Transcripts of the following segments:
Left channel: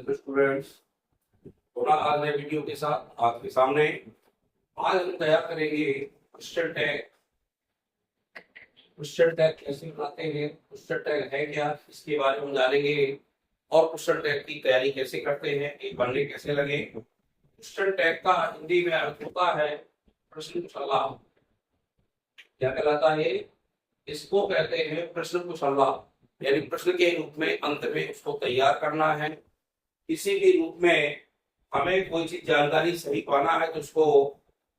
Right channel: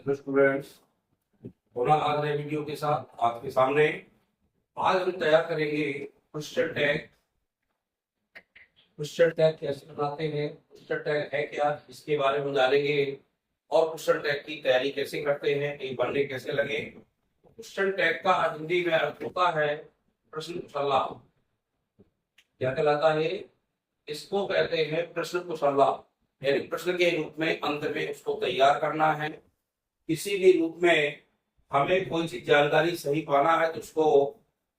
Hello students, थोड़ा आज नए वीडियो के साथ आपके सामने। आज हम तैयार करेंगे क्वेश्चन टैग। क्वेश्चन टैग कैसे बनाते हैं, क्वेश्चन टैग है क्या, इसके बारे में जानेंगे। और क्वेश्चन टैग की तैयारी कैसे करते हैं, ये पढ़ने कैसे लगे। क्वेश्चन टैग का हिंदी में अर्थ होता है प्रश्न कुशलता। क्या कहलाता है? इसको कहते हैं प्रश्न कुशलता, यानी प्रश्न के रूप में अंत में उसको तैयार करना है। किसी भी रूप में हमें कोई चीज जानकारी सही पाना है तो उसको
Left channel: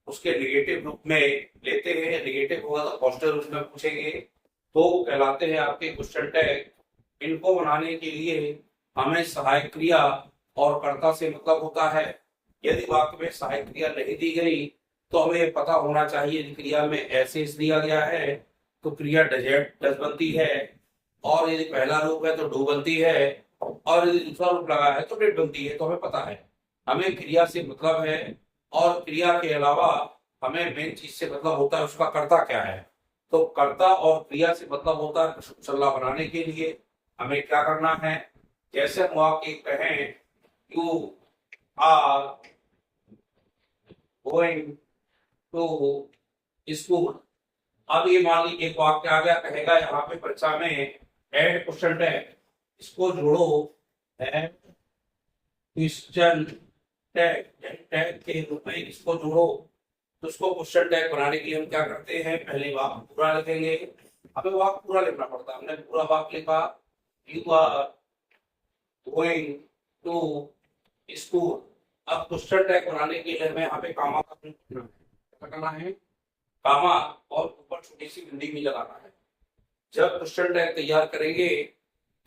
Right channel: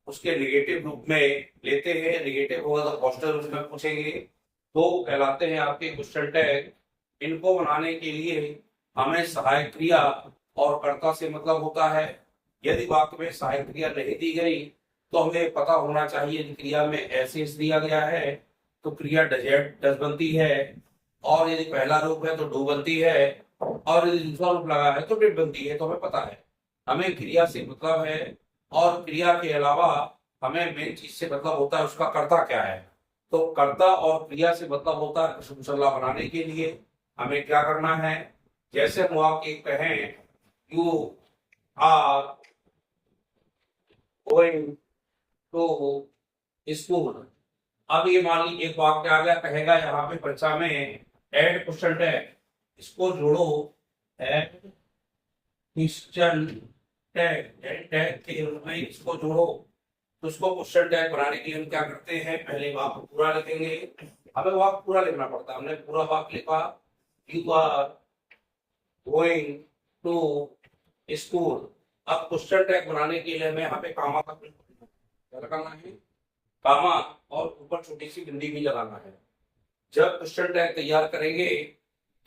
उसके निगेटिव रूप में लेते हैं। निगेटिव होगा तो पॉजिटिव रूप में पूछेंगे, तो वो कहलाते हैं आपके क्वेश्चन टैग। इनको बनाने के लिए हमें सहायक क्रिया और कर्ता से मतलब होता है। यदि वाक्य में सहायक क्रिया नहीं दी गई तो हमें पता होना चाहिए क्रिया में ऐसे दिया गया है तो क्रिया डज बनती है, और यदि पहला रूप है तो डू बनती है, और यदि दूसरा रूप लगा है तो डेट बनती है। तो हमें पता है हमें क्रिया से मतलब है, और क्रिया के अलावा हमें मेन चीज से मतलब होता है उसका कर्ता क्या है। तो कर्ता और क्रिया से मतलब होता है प्रश्न कुशलता बनाने के लिए हमें क्या करना है। जैसे हम वाक्य कहें you are going to school. अब ये मान ली एक वाक्य आ गया, कहेगा यहाँ पे परीक्षा में एड क्वेश्चन टैग, इसको जोड़ो एड क्वेश्चन टैग, टैग के रूप में इसको जोड़ो। तो उसको क्वेश्चन टैग बनाने के लिए हम क्या करते हैं, पहले वाक्य पूरा लिखेंगे। हमें वाक्य पूरा लिखना पड़ता है। हमने पूरा वाक्य लिखा you are going to school. अब क्वेश्चन टैग बनाने के लिए हमें यहाँ पे कामा का प्रयोग करना है। क्या लगाना है? कामा, और ऊपर छोटी सी बिंदी भी लगाना है। जब क्वेश्चन टैग तैयार करेंगे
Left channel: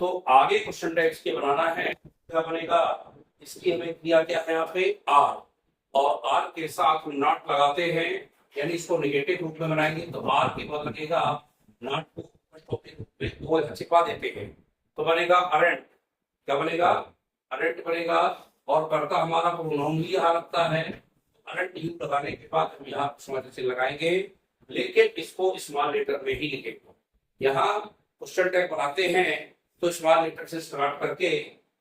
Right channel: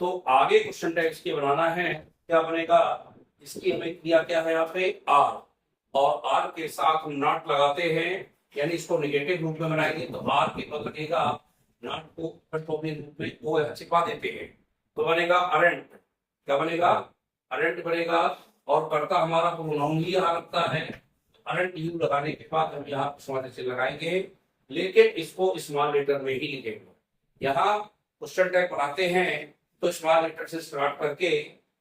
तो आगे क्वेश्चन टैग के बनाना है। क्या बनेगा? इसकी हमें क्रिया क्या है यहाँ पे आर, और आर के साथ हम नॉट लगाते हैं, यानी इसको निगेटिव रूप में बनाएंगे तो आर के बाद लगेगा नॉट को फर्स्ट रूप में वो छिपा देते हैं तो बनेगा अरेंट। क्या बनेगा? अरेंट बनेगा। और कर्ता हमारा प्रोनाउन ही यहाँ लगता है। अरेंट यू लगाने के बाद हम यहाँ स्मॉल से लगाएंगे, लेकिन इसको स्मॉल लेटर में ही लिखेंगे। यहाँ क्वेश्चन टैग बनाते हैं तो स्मॉल लेटर से स्टार्ट करके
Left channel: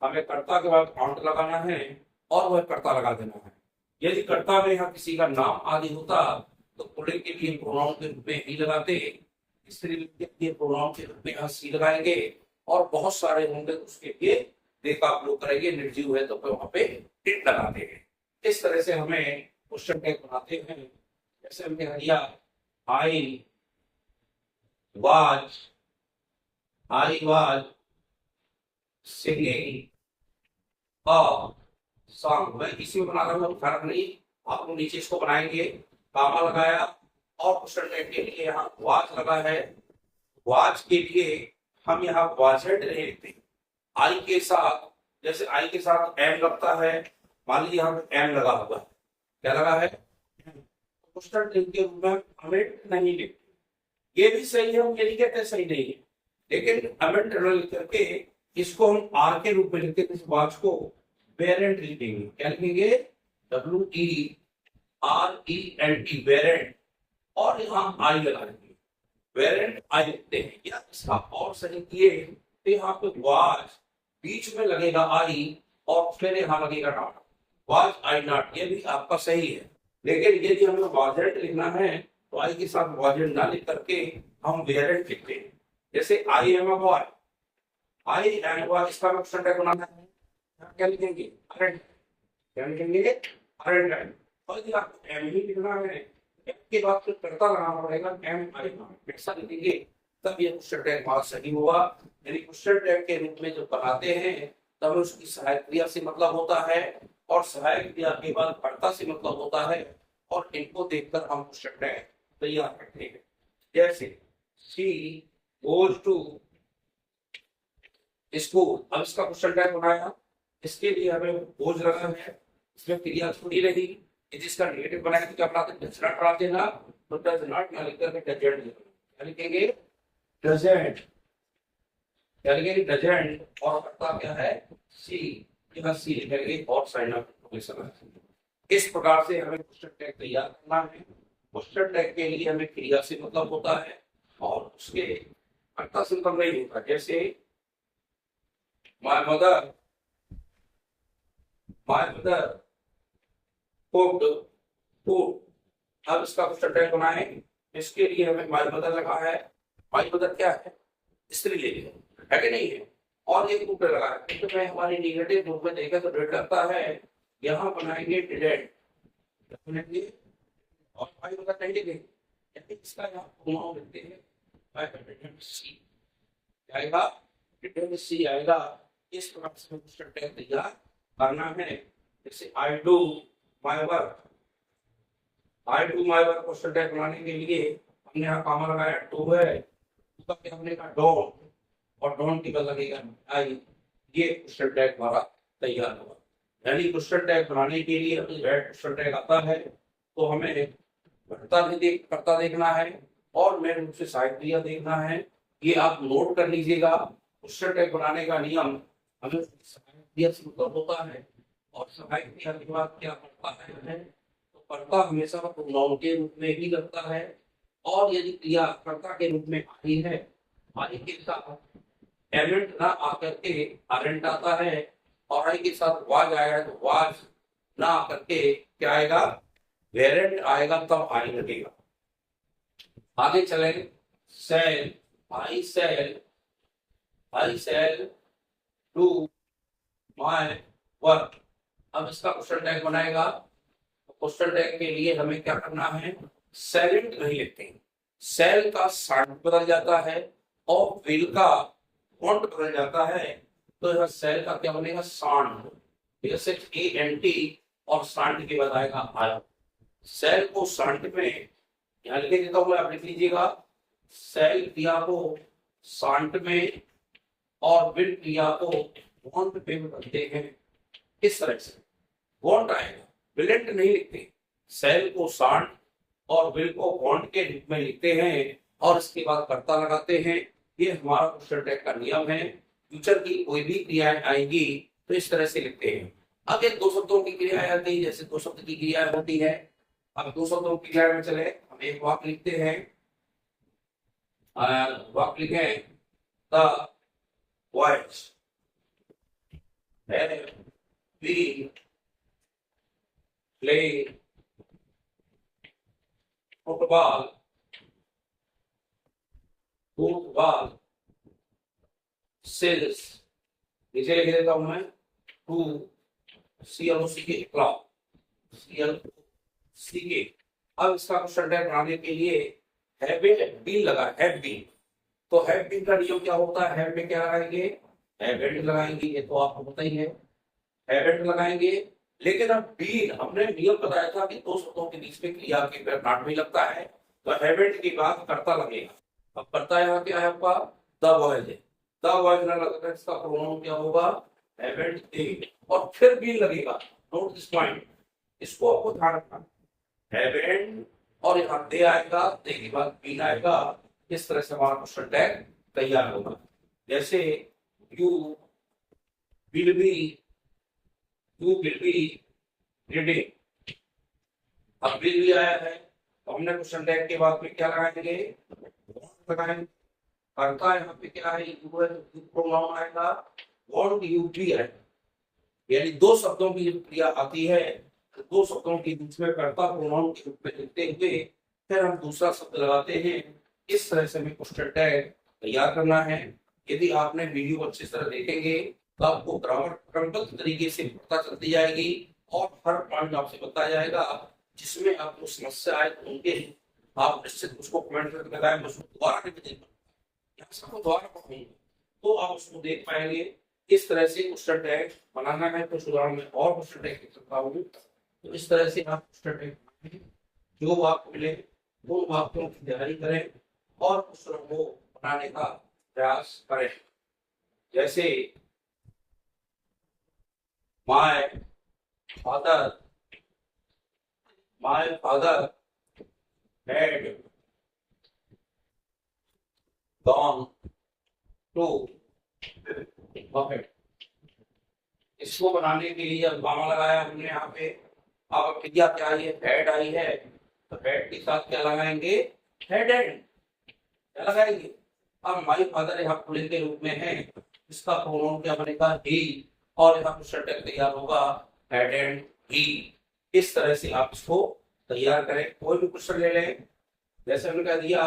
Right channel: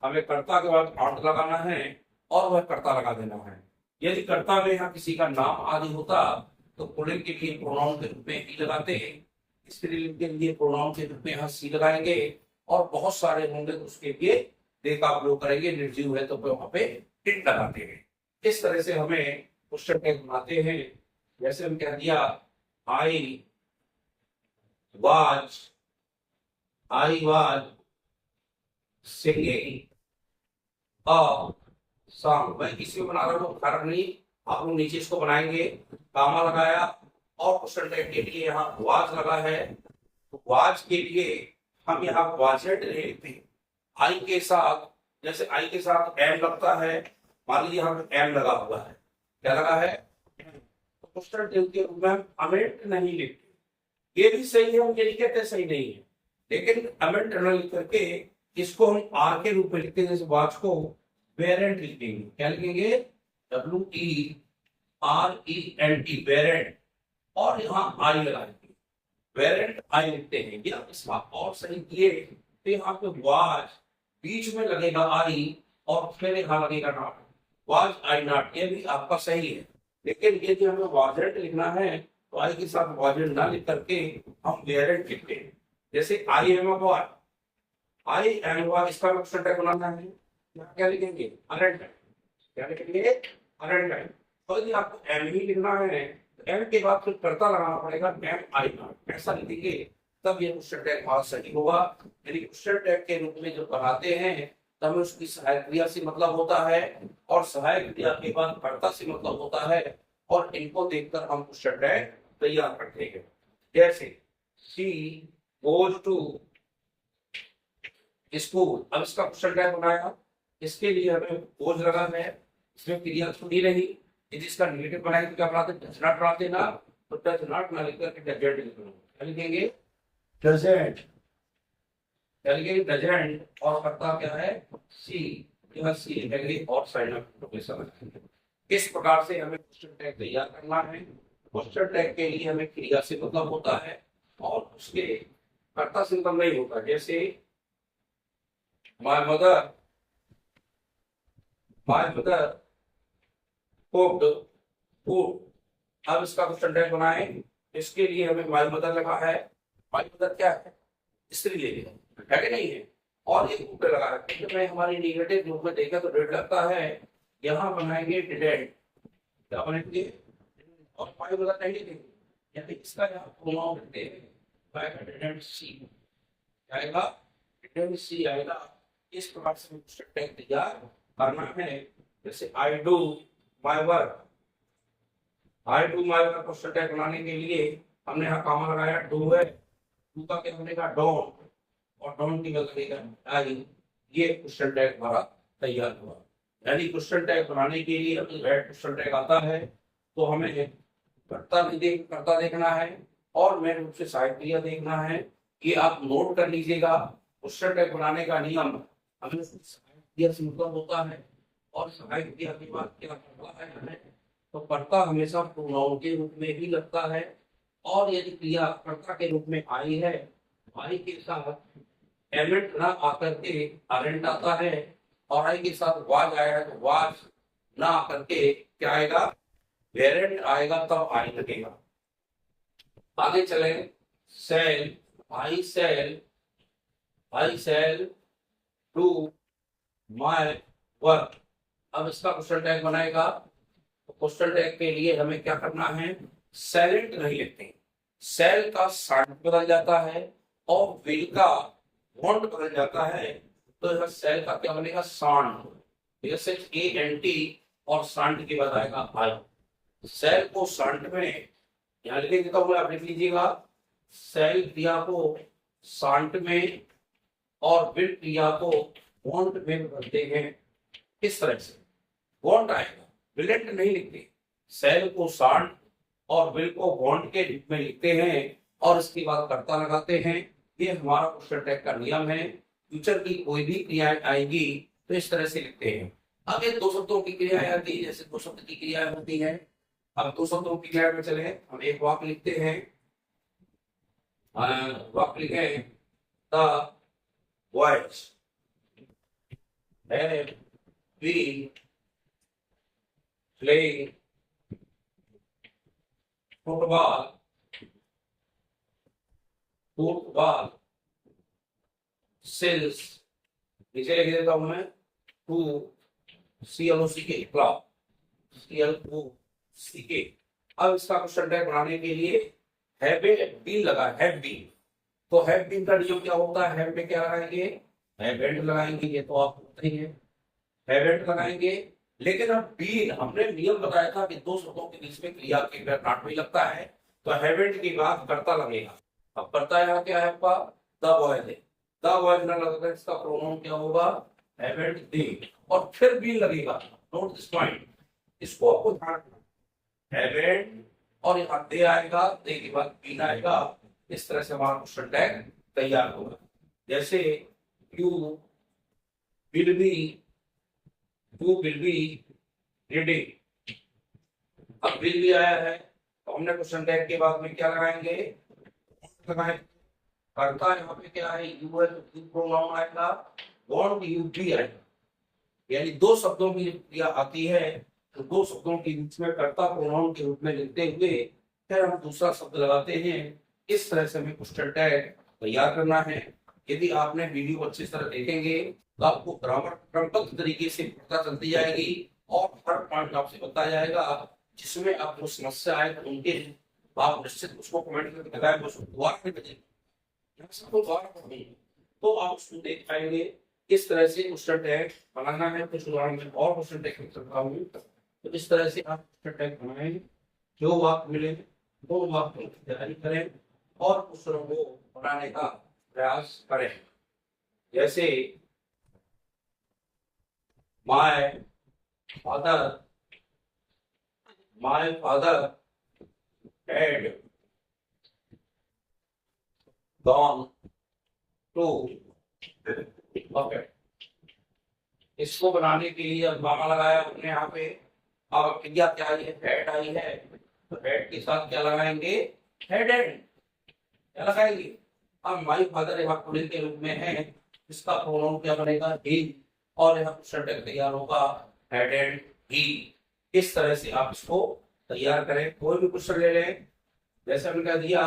हमें कर्ता के बाद आउट लगाना है और वह कर्ता लगा देना है। यदि कर्ता में यहाँ किसी का नाम आदि होता तो पुल्लिंग के लिए प्रोनाउन के रूप में ही लगाते, स्त्रीलिंग के लिए प्रोनाउन के रूप में यहाँ सी लगाएंगे, और बहुत सारे होंगे तो उसके लिए दे का उपयोग करेंगे। निर्जीव है तो वहां पे इट लगाते हैं। इस तरह से हमें क्वेश्चन टैग बनाते हैं। जैसे हम कह दिया I was singing a song. मैं इसी में बना रहा हूँ, फर्क नहीं। आप लोग नीचे इसको बनाएंगे, कामा लगाया, और क्वेश्चन टैग के लिए यहाँ वाज लगा है। वाज के लिए हम यहाँ वाजेंट नहीं लिखते। आई के साथ, जैसे आई के साथ एम लगता है, मान लीजिए हम एम लगा हुआ है। क्या लगा है? तो क्वेश्चन टैग के रूप में हम अमेंट नहीं लिखते। ये भी सही है, हम ये नहीं कहते सही नहीं है, लेकिन अमेंट लिख करके इसको हम आर के रूप में लिखते हैं। जैसे वाच को वेरेंट लिखेंगे। क्या लिखेंगे? WERENT, वेरेंट, और यहाँ आई लगा देंगे, वेरेंट आई लिखते हैं। या इसका और सही किए तो यहाँ पे वाज बीच में लगेगा आई, और फिर यहाँ लगेगा नॉट, वाज आई नॉट। ये भी आपका सही है, लेकिन यदि हमें वाजेंट लिखना है तो आई के साथ वाजेंट ना लिख करके हम वेरेंट लिखते हैं। जैसे I am a boy, I am a boy, इसका क्वेश्चन टैग बनाना है। यहाँ क्या लिखेंगे? अरेंट। क्या लिखेंगे? अरेंट। और यदि आपको एम ही लिखना है तो एम के बाद फिर कर्ता लगाना पड़ेगा, एम आई नॉट। ऐसा लिखेंगे तब ये क्वेश्चन टैग बात सही होगा। यदि क्वेश्चन टैग के रूप में जो बनाते हैं तब उसकी सहायक क्रिया से मतलब होता है, और सहायक क्रिया के बाद कर्ता से मतलब होता है, और इनको देखकर हम क्वेश्चन टैग तैयार करते हैं। जैसे शी गोज टू स्कूल। अब इसका क्वेश्चन टैग बनाया, इसके लिए हमें गोज लगा है, इसमें क्रिया छुड़ी रही। यदि इसका नेगेटिव बनाए तो क्या बनाते? डज नॉट बनाते ना, तो डज नॉट ना लिख करके डजेंट लिखना। क्या लिखेंगे? डजेंट। क्या लिखेंगे? डजेंट, और कर्ता क्या है? सी। यहाँ सी लिखेंगे और साइन ऑफ इस प्रकार से हमें क्वेश्चन टैग तैयार करना है। क्वेश्चन टैग के लिए हमें क्रिया से मतलब होता है और उसके कर्ता से मतलब नहीं होता। जैसे my mother my mother cooked food. अब इसका क्वेश्चन टैग बनाए, इसके लिए हमें माय मदर लगा है। माय मदर क्या है? स्त्रीलिंग है कि नहीं है? और एक कुक्ड लगा है, क्योंकि मैं हमारी निगेटिव रूप में देखा तो डेट लगता है, यहाँ बनाएंगे डिडेंट, क्या बनेंगे, और माय मदर नहीं लिखेंगे, यानी इसका यहाँ प्रोनाउन लिखते हैं बाय डिडेंट सी, क्या आएगा, डिडेंट सी आएगा। इस प्रकार से क्वेश्चन टैग तैयार करना है। जैसे I do my work, I do my work question tag बनाने के लिए हमने यहाँ कॉमा लगाया, डू है, डू का क्या बनेगा, डोंट, और डोंट की बदल लगेगा आई। ये क्वेश्चन टैग हमारा तैयार हुआ। यानी क्वेश्चन टैग बनाने के लिए क्वेश्चन टैग आता है तो हमें करता देखना है और मेन रूप से सहायक क्रिया देखना है। ये आप नोट कर लीजिएगा। क्वेश्चन टैग बनाने का नियम हमें सहायक क्रिया से मतलब होता है, और सहायक क्रिया के बाद क्या करता है, तो कर्ता हमेशा प्रोनाउन के रूप में ही लगता है, और यदि क्रिया कर्ता के रूप में आई है, आई के साथ एलिमेंट ना आकर के आरेंट आता है, और आई के साथ वाज आया है तो वाज ना आकर के क्या आएगा, वेरेंट आएगा, तब आई लगेगा। आगे चले, shall, I shall, I shall do my work. अब इसका क्वेश्चन टैग बनाएगा, तो क्वेश्चन टैग के लिए हमें क्या करना है, सेलेंट नहीं लिखते, सेल का सांड बदल जाता है और विल का वॉन्ट बदल जाता है, तो यह सेल का क्या बनेगा, सांड, जैसे ए एन टी, और सांड की बताएगा आई। सेल को सांड में यहाँ लिखे देता हूँ, आप लिख लीजिएगा, सेल क्रिया को सांड में और विल क्रिया को वॉन्ट में बदलते हैं। इस तरह से वॉन्ट आएगा, विलेंट नहीं लिखते, सेल को सांड और विल को वॉन्ट के रूप में लिखते हैं, और इसके बाद कर्ता लगाते हैं। ये हमारा क्वेश्चन टैग का नियम है। फ्यूचर की कोई भी क्रियाएं आएगी तो इस तरह से लिखते हैं। अब एक दो शब्दों की क्रियाएं आती है, जैसे दो शब्द की क्रियाएं होती है। अब दो शब्दों की क्रिया में चले, हम एक वाक्य लिखते हैं, वाक्य लिखें, the boys have been playing football since, नीचे लिख देता हूं मैं, टू CLOC के क्लब, CLOC के। अब इसका क्वेश्चन टैग बनाने के लिए हैव बीन लगा, हैव बीन, तो हैव बीन का नियम क्या होता है, हैव में क्या लगाएंगे, हैवेंट लगाएंगे, ये तो आपको पता ही है, हैवेंट लगाएंगे। लेकिन अब बीन हमने नियम बताया था कि दो शब्दों के बीच में क्रिया के पार्ट में लगता है, तो हैवेंट के बाद कर्ता लगेगा। अब कर्ता यहाँ क्या है आपका, द बॉयज है, द बॉयज ना लगता है, इसका प्रोनाउन क्या होगा, हैवेंट दे, और फिर बीन लगेगा। नोट दिस पॉइंट, इसको आपको ध्यान रखना, हैवेंट और यहाँ दे आएगा, दे के बाद बीन आएगा। इस तरह से हमारा क्वेश्चन टैग तैयार होगा। जैसे you will be, you will be reading, अब विल भी आया है तो हमने क्वेश्चन टैग के बाद में क्या लगाएंगे, लगाएंगे। करता यहाँ पे क्या है, यू है, तो प्रोनाउन आएगा, वॉन्ट यू बी आएगा। यानी दो शब्दों की क्रिया आती है तो दो शब्दों के बीच में कर्ता प्रोनाउन के रूप में लिखते हुए फिर हम दूसरा शब्द लगाते हैं। इस तरह से हमें क्वेश्चन टैग तैयार करना है। यदि आपने वीडियो अच्छी तरह देखेंगे तो आपको ग्रामर क्रमबद्ध तरीके से पता चलती जाएगी, और हर पॉइंट आपसे बताया जाएगा। जिसमें आपको समस्या आए तो उनके आप निश्चित उसको कमेंट करके बताएं, उसको दोबारा नहीं बदलेगा, सबको दोबारा पढ़ेंगे तो आप उसको देख पाएंगे। इस तरह से क्वेश्चन टैग बनाना है। कुछ उदाहरण में और क्वेश्चन टैग लिख सकता हूँ, तो इस तरह से आप क्वेश्चन टैग बनाएं। जो वाक्य मिले वो वाक्यों की तैयारी करें और क्वेश्चनों को बनाने का प्रयास करें। जैसे my father had gone to buffet. इसको बनाने के लिए अब गाना लगाया हमने यहाँ पे। अब क्रिया क्या आई है, हेड आई है, तो हेड के साथ क्या लगाएंगे, हेड एंड क्या लगाएंगे। अब माय फादर यहाँ पुलिंग के रूप में है, इसका प्रोनाउन क्या बनेगा, ही, और यहाँ क्वेश्चन टैग तैयार होगा हेड एंड ही। इस तरह से आप इसको तैयार करें। कोई भी क्वेश्चन ले लें, जैसे हमने कह दिया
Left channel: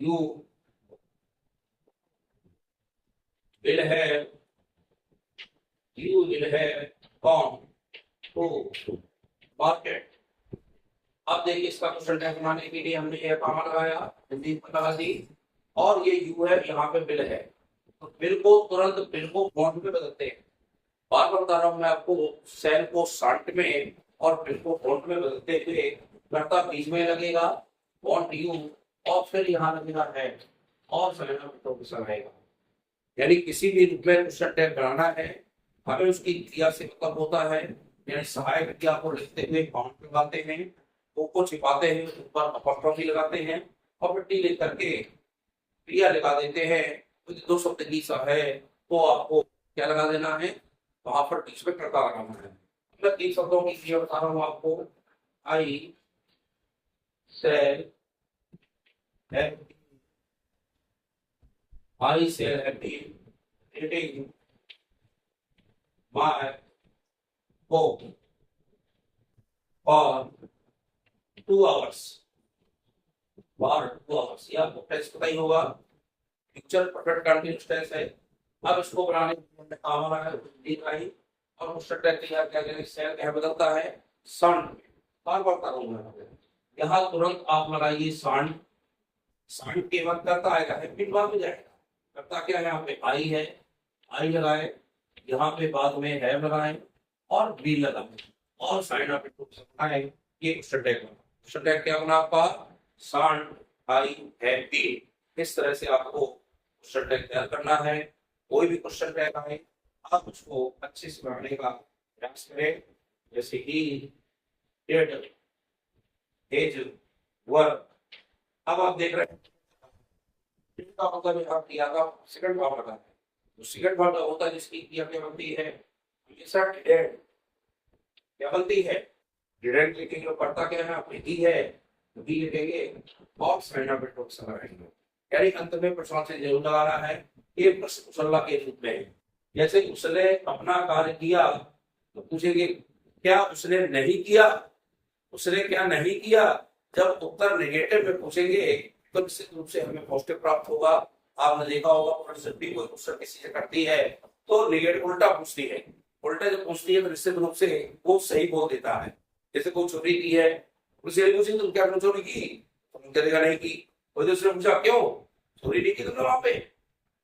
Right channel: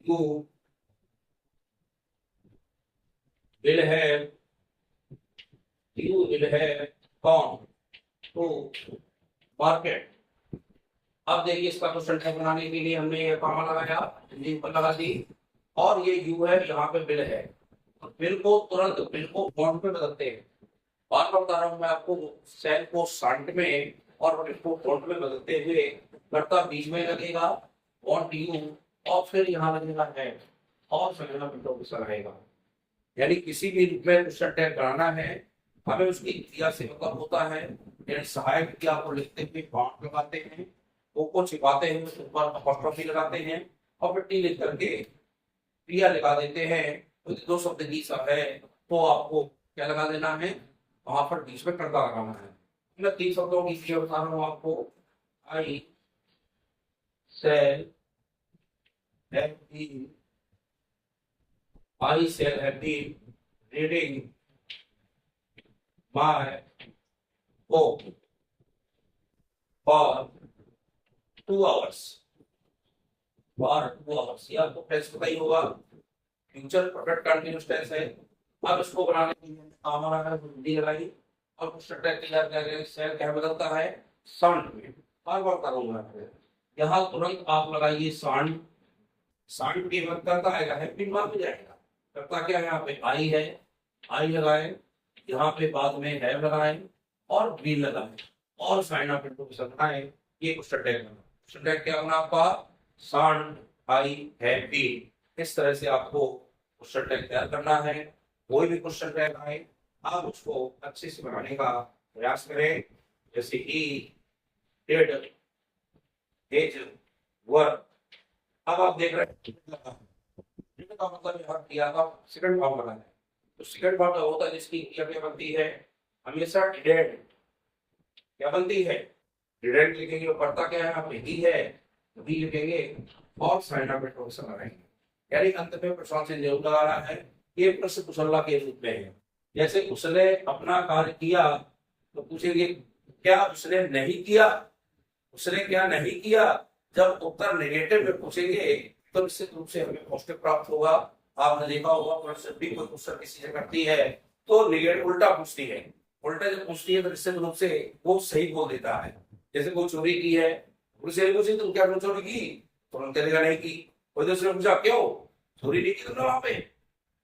you will have, you will have gone to market. अब देखिए इसका क्वेश्चन टैग बनाने के लिए हमने ये कॉमा लगाया, हिंदी पर लगा दी, और ये यू है, यहाँ पे बिल है। तो बिल को तुरंत बिल को बॉन्ड में बदलते हैं। बार बार बता रहा हूँ मैं आपको, सेल को शांत में और बिल को बॉन्ड में बदलते हुए करता बीच में लगेगा बॉन्ड यू, और फिर यहाँ लगेगा है, और चलेगा बिल्कुल आएगा। यानी किसी भी रूप में क्वेश्चन टैग बनाना है, हमें उसकी क्रिया से मतलब होता है, यानी सहायक क्रिया को लिखते हुए बॉन्ड लगाते हैं, को छिपाते हैं, उस ऊपर अपॉस्ट्रोफी लगाते हैं, और फिर टी लिख करके क्रिया लगा देते हैं। तो दो शब्द की सा है तो आपको क्या लगा देना है, वहां पर बीच में कर्ता लगाना है। मैं 3 शब्दों की क्रिया बता रहा हूँ आपको। I sell happy, I sell happy reading my book for 2 hours, बार 2 hours। या आपको टेस्ट पता ही होगा, फ्यूचर परफेक्ट कंटीन्यूअस टेंस है। अब इसको बनाने के लिए हमने काम लगाया, हिंदी लगाई, और क्वेश्चन टैग तैयार किया गया। सेल क्या बदलता है, सांड में। बार बार करूंगा, यहाँ तुरंत आप लगाइए सांड। सांड के बाद करता आएगा है, फिर बाद में जाएगा। करता क्या है, यहाँ पे आई है, आई लगाए, यहाँ पे बाद में है लगाए, और बी लगाए, और साइन ऑफ इंटरप्रिटेशन आए। ये क्वेश्चन टैग बना। क्वेश्चन टैग क्या बना आपका, सांड आई है बी। इस तरह से आपको क्वेश्चन टैग तैयार करना है। कोई भी क्वेश्चन टैग आए, आप उसको अच्छे से बनाने का प्रयास करें। जैसे ही डिड हिज वर्क। अब आप देख रहे हैं का मतलब यहाँ क्रिया का सेकंड फॉर्म लगा है। तो सेकंड फॉर्म क्या होता है, जिसकी क्रिया क्या बनती है, हमेशा डिड क्या बनती है, डिडेंट लिखेंगे। और पढ़ता क्या है, आप ही है तो भी लिखेंगे, और साइन ऑफ इंटरप्रिटेशन लगाएंगे। यानी अंत में प्रश्न से जरूर लगा रहा है, एक प्रश्न कुशलता के रूप में है। जैसे उसने अपना कार्य किया तो पूछेंगे क्या उसने नहीं किया, उसने क्या नहीं किया। जब उत्तर नेगेटिव में पूछेंगे तो निश्चित रूप से हमें पॉजिटिव प्राप्त होगा। आपने देखा होगा जब भी कोई क्वेश्चन किसी से करती है तो नेगेटिव उल्टा पूछती है, उल्टा जब पूछती है तो निश्चित रूप से वो सही बोल देता है। जैसे कोई चोरी की है, उसे पूछे तुम क्या चोरी की, तो उन्होंने कहेगा नहीं की। कोई दूसरे पूछा क्यों चोरी नहीं की तुमने वहां पे,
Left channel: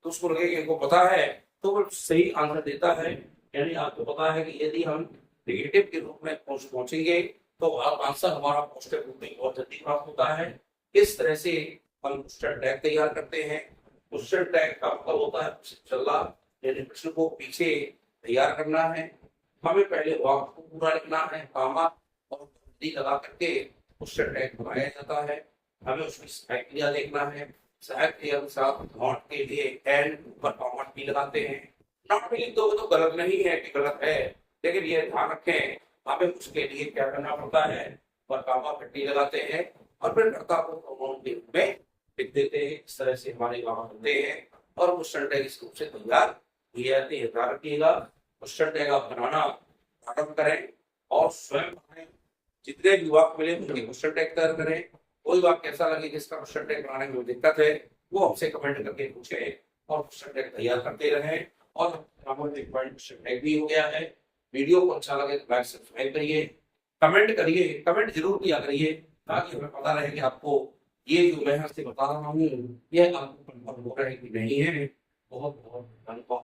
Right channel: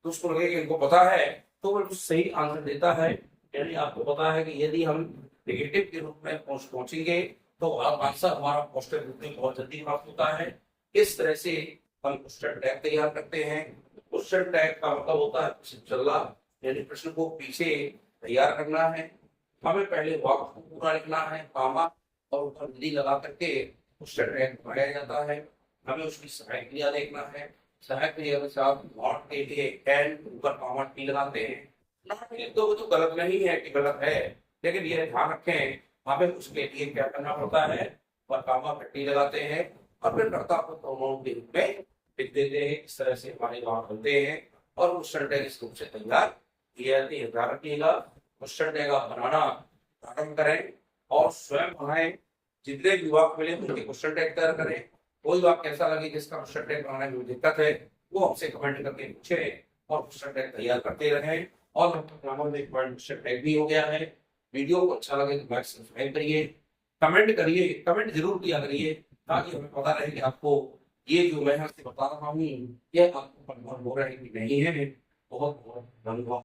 तो उसको लगेगा इनको पता है, तो वो सही आंसर देता है। यानी आपको पता है कि यदि हम नेगेटिव के रूप में पहुंचेंगे तो आंसर हमारा पॉजिटिव रूप में बहुत जल्दी प्राप्त होता है। इस तरह से हम क्वेश्चन टैग तैयार करते हैं। क्वेश्चन टैग का मतलब होता है चलना, यानी प्रश्न को पीछे तैयार करना है। हमें पहले वाक्य को पूरा लिखना है, कॉमा और ऊपर हिंदी लगा करके क्वेश्चन टैग बनाया जाता है। हमें उसकी सहायक क्रिया देखना है। सहायक क्रिया के साथ नॉट के लिए एंड ऊपर कॉमा टी लगाते हैं। नॉट भी लिख दोगे तो गलत नहीं है कि गलत है, लेकिन ये ध्यान रखें हमें उसके लिए क्या करना पड़ता है, पर कॉमा पट्टी लगाते हैं और फिर कर्ता को प्रोनाउन के रूप में लिख देते हैं। इस तरह से हमारे वहां बनते हैं और क्वेश्चन टैग इस रूप से तैयार किए जाते हैं। ध्यान रखिएगा, क्वेश्चन टैग आप बनाना प्रारंभ करें और स्वयं बनाएं। जितने भी वाक्य मिले उनके क्वेश्चन टैग तैयार करें। कोई वाक्य ऐसा लगे जिसका क्वेश्चन टैग बनाने में दिक्कत है, वो हमसे कमेंट करके पूछे और क्वेश्चन टैग तैयार करते रहें। और एक क्वेश्चन टैग भी हो गया है। वीडियो को अच्छा लगे तो लाइक सब्सक्राइब करिए, कमेंट करिए, कमेंट जरूर किया करिए ताकि हमें पता रहे कि आपको ये जो मैं बता रहा हूँ ये आपको कंफर्म हो रहा है कि नहीं है। बहुत बहुत धन्यवाद।